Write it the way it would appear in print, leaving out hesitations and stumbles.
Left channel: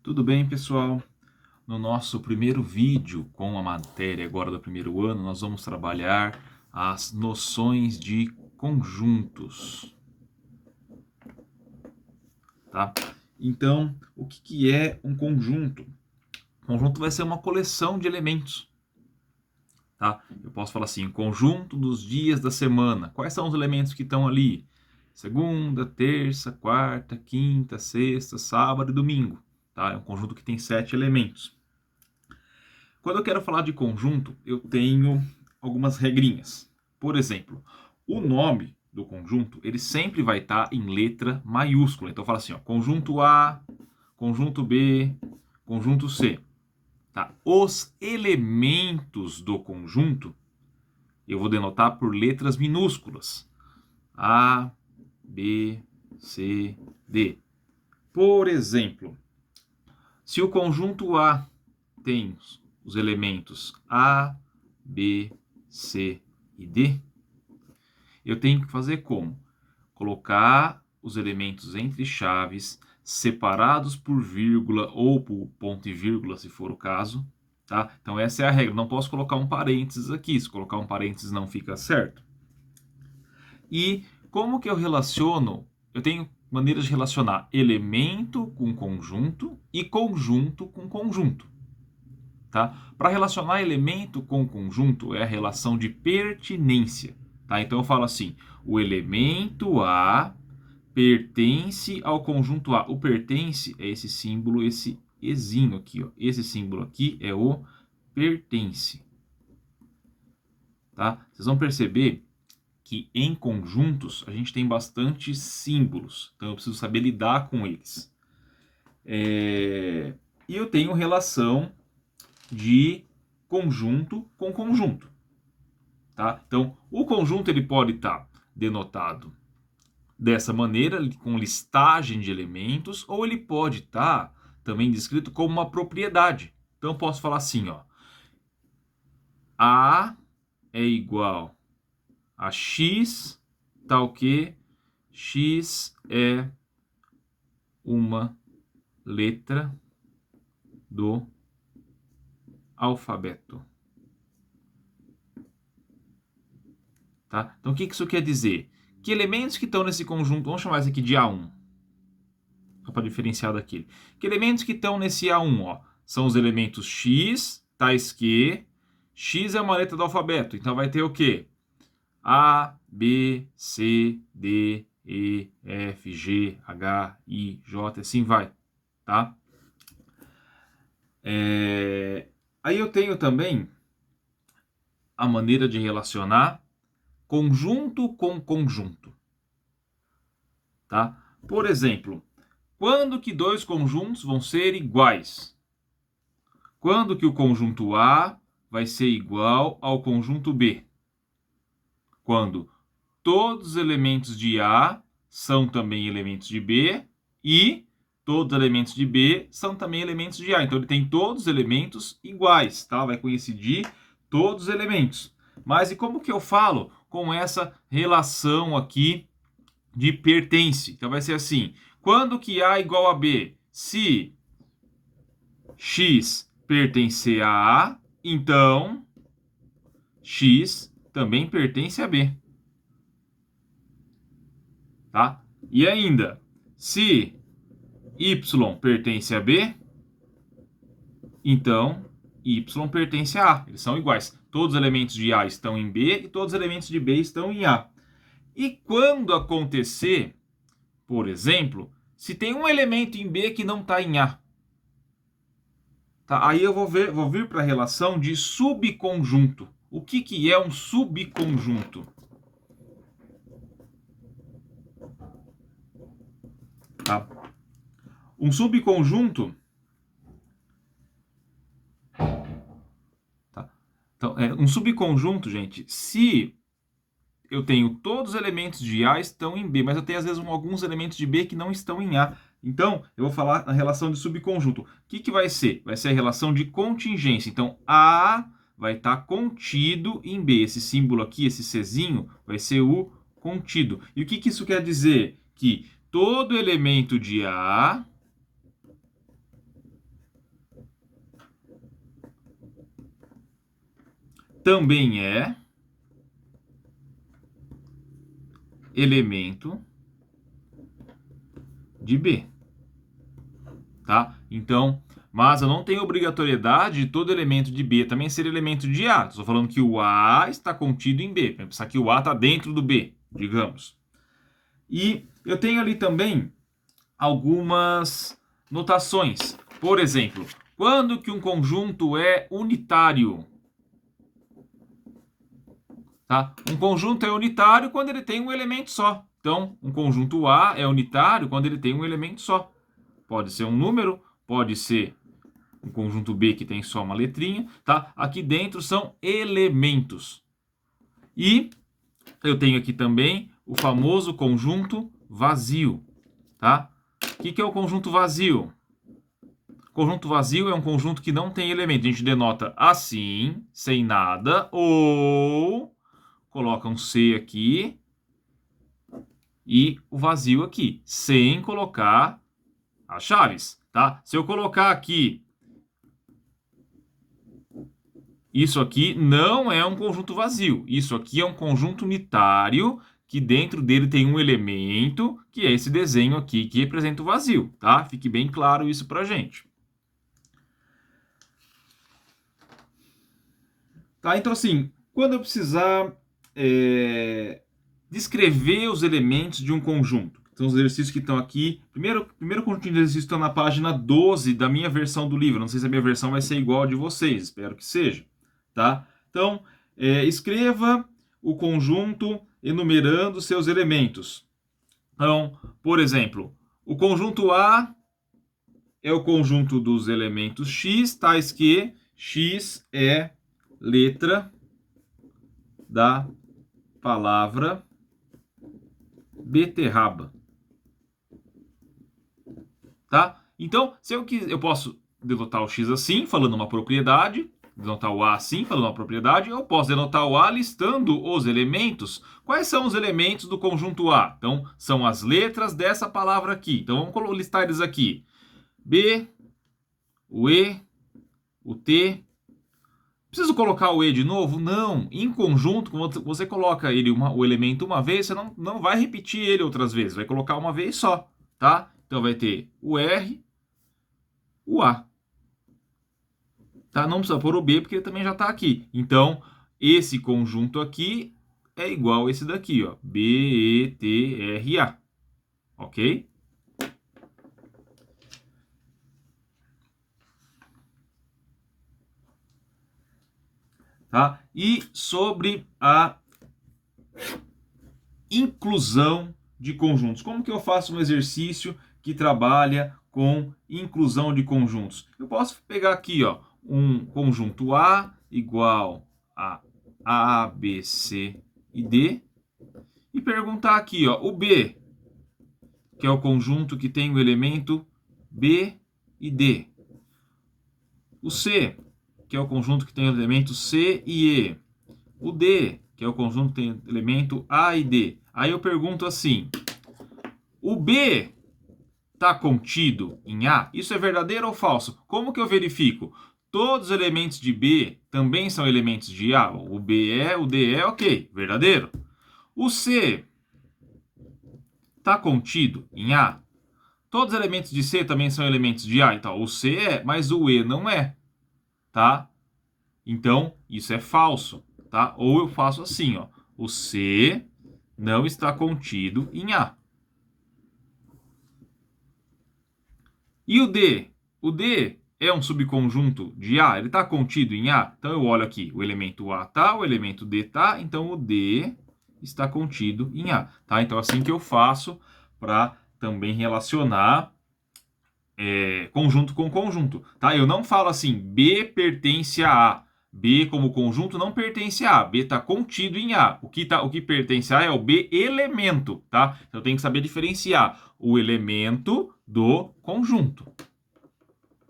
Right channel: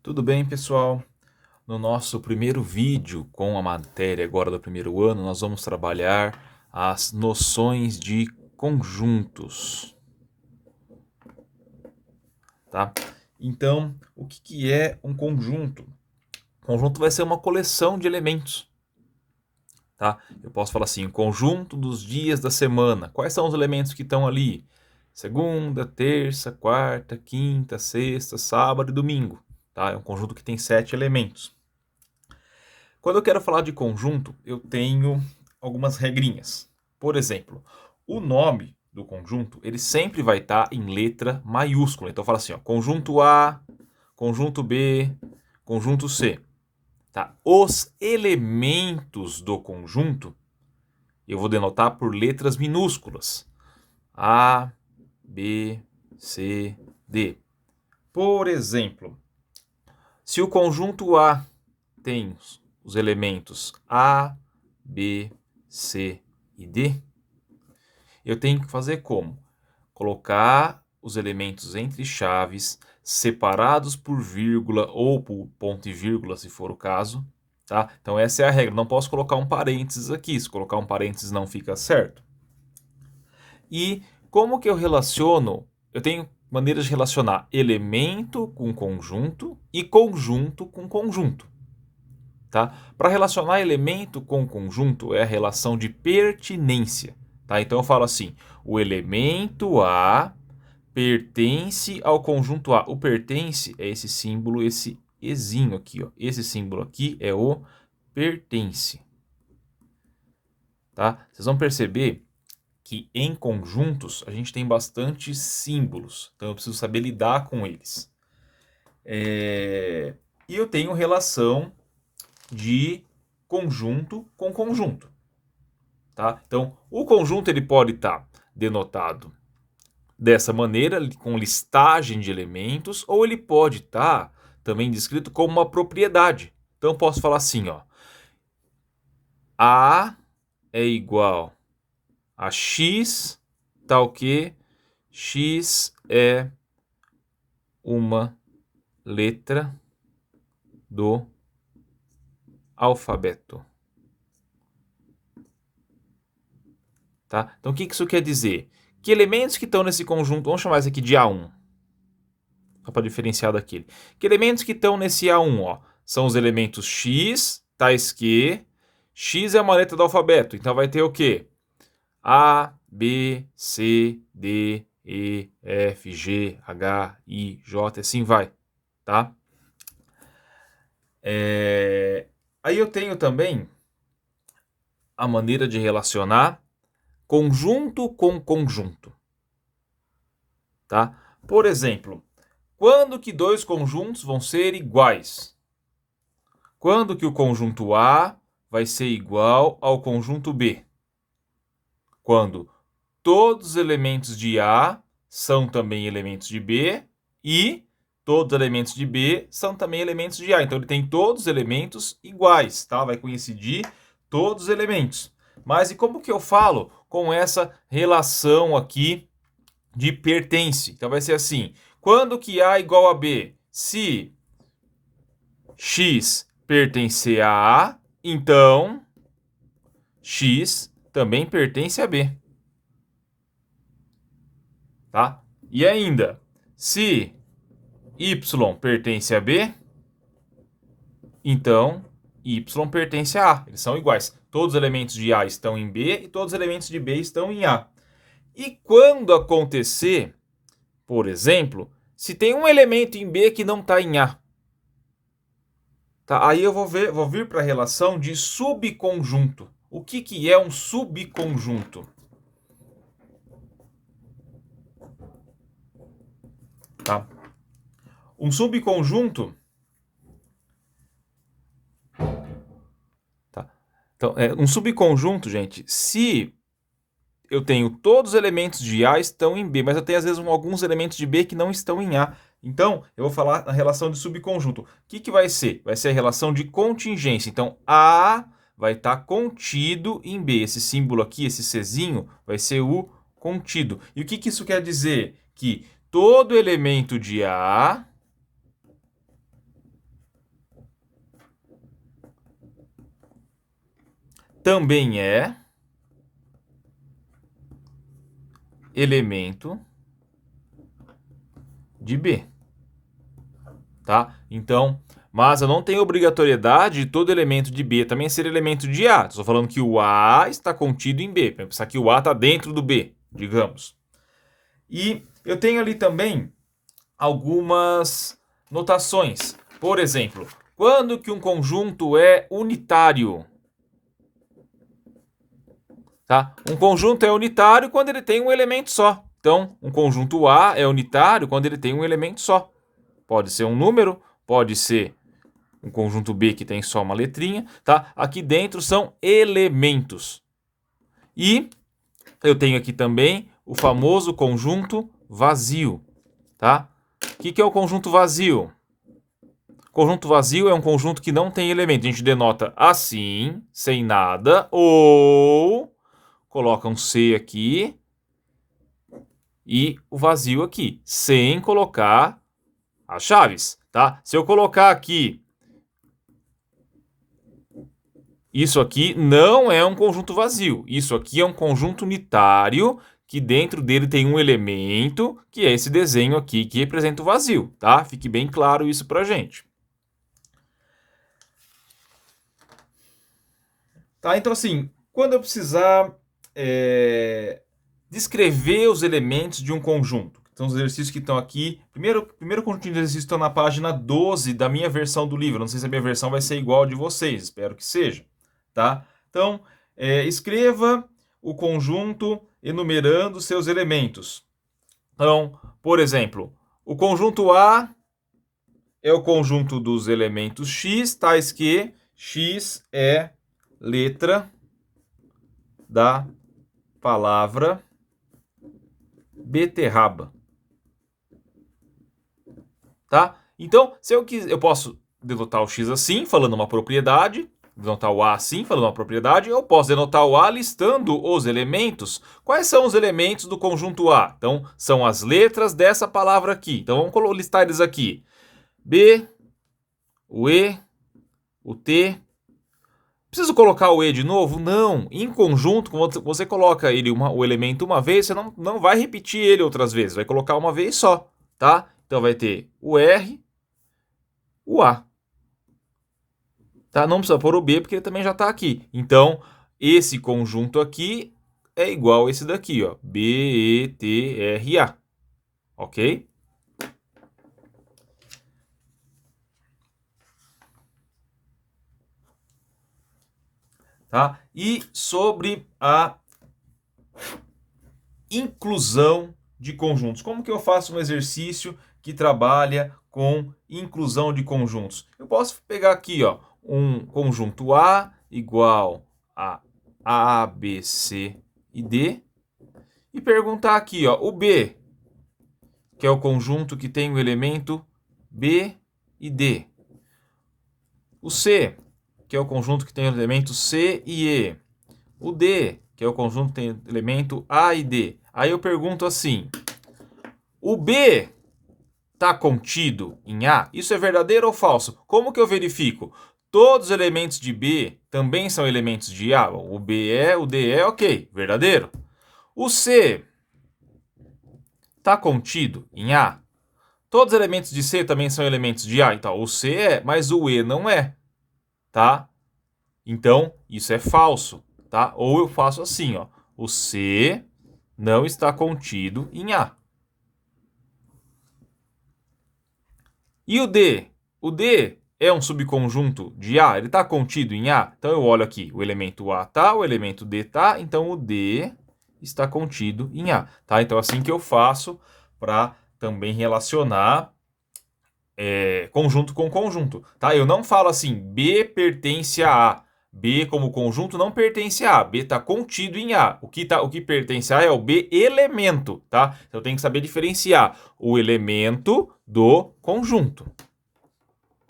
Tudo bem, pessoal? No nosso primeiro vídeo com a matéria agora do primeiro ano, nós vamos trabalhar as noções de conjuntos, tá? Então, o que é um conjunto? Conjunto vai ser uma coleção de elementos, tá? Eu posso falar assim, conjunto dos dias da semana. Quais são os elementos que estão ali? Segunda, terça, quarta, quinta, sexta, sábado e domingo, tá? É um conjunto que tem 7 elementos. Quando eu quero falar de conjunto, eu tenho algumas regrinhas. Por exemplo, o nome do conjunto, ele sempre vai estar em letra maiúscula. Então, fala assim, ó, conjunto A, conjunto B, conjunto C. Tá? Os elementos do conjunto, eu vou denotar por letras minúsculas. A, B, C, D. Por exemplo, se o conjunto A tem os elementos A, B, C e D, eu tenho que fazer como? Colocar os elementos entre chaves, separados por vírgula ou por ponto e vírgula, se for o caso. Tá? Então essa é a regra. Não posso colocar um parênteses aqui. Se colocar um parênteses não fica certo. E como que eu relaciono? Eu tenho maneiras de relacionar elemento com conjunto e conjunto com conjunto. Tá? Para relacionar elemento com conjunto é a relação de pertinência. Tá? Então eu falo assim, o elemento A pertence ao conjunto A. O pertence é esse símbolo, esse ezinho aqui. Ó. Esse símbolo aqui é o pertence. Tá? Vocês vão perceber que em conjuntos a gente tem bastante símbolos. Então eu preciso saber lidar com eles. E eu tenho relação de conjunto com conjunto. Tá? Então, o conjunto ele pode estar denotado dessa maneira, com listagem de elementos, ou ele pode estar também descrito como uma propriedade. Então, eu posso falar assim, ó, A é igual a X, tal que X é uma letra do alfabeto. Tá? Então, o que isso quer dizer? Que elementos que estão nesse conjunto, vamos chamar isso aqui de A1, só para diferenciar daquele. Que elementos que estão nesse A1, ó, são os elementos X, tais que X é uma letra do alfabeto, então vai ter o quê? A, B, C, D, E, F, G, H, I, J, assim vai, tá? Aí eu tenho também a maneira de relacionar conjunto com conjunto, tá? Por exemplo, quando que dois conjuntos vão ser iguais? Quando que o conjunto A vai ser igual ao conjunto B? Quando todos os elementos de A são também elementos de B e todos os elementos de B são também elementos de A. Então ele tem todos os elementos iguais, tá? Vai coincidir todos os elementos. Mas e como que eu falo com essa relação aqui de pertence? Então vai ser assim, quando que A é igual a B? Se X pertencer a A, então X também pertence a B. Tá? E ainda, se Y pertence a B, então Y pertence a A. Eles são iguais. Todos os elementos de A estão em B e todos os elementos de B estão em A. E quando acontecer, por exemplo, se tem um elemento em B que não está em A, tá? Aí eu vou vir para a relação de subconjunto. O que é um subconjunto? Tá? Um subconjunto, tá? Então, um subconjunto, gente, se eu tenho todos os elementos de A estão em B, mas eu tenho às vezes alguns elementos de B que não estão em A. Então, eu vou falar a relação de subconjunto. O que vai ser? Vai ser a relação de contingência. Então, A vai estar contido em B. Esse símbolo aqui, esse Czinho, vai ser o contido. E o que isso quer dizer? Que todo elemento de A também é elemento de B, tá? Então, mas eu não tenho obrigatoriedade de todo elemento de B também ser elemento de A. Estou falando que o A está contido em B. Para pensar que o A está dentro do B, digamos. E eu tenho ali também algumas notações. Por exemplo, quando que um conjunto é unitário? Tá? Um conjunto é unitário quando ele tem um elemento só. Então, um conjunto A é unitário quando ele tem um elemento só. Pode ser um número, pode ser um conjunto B que tem só uma letrinha, tá? Aqui dentro são elementos. E eu tenho aqui também o famoso conjunto vazio, tá? O que é o conjunto vazio? Conjunto vazio é um conjunto que não tem elemento. A gente denota assim, sem nada, ou coloca um C aqui e o vazio aqui, sem colocar as chaves, tá? Se eu colocar aqui, isso aqui não é um conjunto vazio. Isso aqui é um conjunto unitário que dentro dele tem um elemento, que é esse desenho aqui, que representa o vazio, tá? Fique bem claro isso pra gente. Tá, então assim, quando eu precisar descrever os elementos de um conjunto, então os exercícios que estão aqui, primeiro conjunto de exercícios estão na página 12 da minha versão do livro. Não sei se a minha versão vai ser igual a de vocês, espero que seja, tá? Então, escreva o conjunto enumerando seus elementos. Então, por exemplo, o conjunto A é o conjunto dos elementos X, tais que X é letra da palavra beterraba. Tá? Então, se eu quiser, eu posso denotar o X assim, falando uma propriedade, denotar o A assim, falando uma propriedade, eu posso denotar o A listando os elementos. Quais são os elementos do conjunto A? Então, são as letras dessa palavra aqui. Então, vamos listar eles aqui. B, o E, o T. Preciso colocar o E de novo? Não. Em conjunto, quando você coloca ele o elemento uma vez, você não vai repetir ele outras vezes. Vai colocar uma vez só, tá? Então vai ter o R, o A. Tá? Não precisa pôr o B, porque ele também já está aqui. Então, esse conjunto aqui é igual a esse daqui, ó. B, E, T, R, A. Ok? Tá? E sobre a inclusão de conjuntos. Como que eu faço um exercício que trabalha com inclusão de conjuntos? Eu posso pegar aqui, ó, um conjunto A igual a B, C e D e perguntar aqui, ó, o B, que é o conjunto que tem o elemento B e D. O C, que é o conjunto que tem o elemento C e E. O D, que é o conjunto que tem o elemento A e D. Aí eu pergunto assim, o B está contido em A? Isso é verdadeiro ou falso? Como que eu verifico? Todos os elementos de B também são elementos de A? O B é, o D é, ok, verdadeiro. O C está contido em A? Todos os elementos de C também são elementos de A? Então, o C é, mas o E não é, tá? Então, isso é falso, tá? Ou eu faço assim, ó. O C não está contido em A. E o D? O D é um subconjunto de A? Ele está contido em A? Então, eu olho aqui, o elemento A tá, o elemento D tá, então o D está contido em A, tá? Então, assim que eu faço para também relacionar conjunto com conjunto, tá? Eu não falo assim, B pertence a A. B como conjunto não pertence a A. B está contido em A. O que pertence a A é o B elemento, tá? Então, eu tenho que saber diferenciar o elemento do conjunto.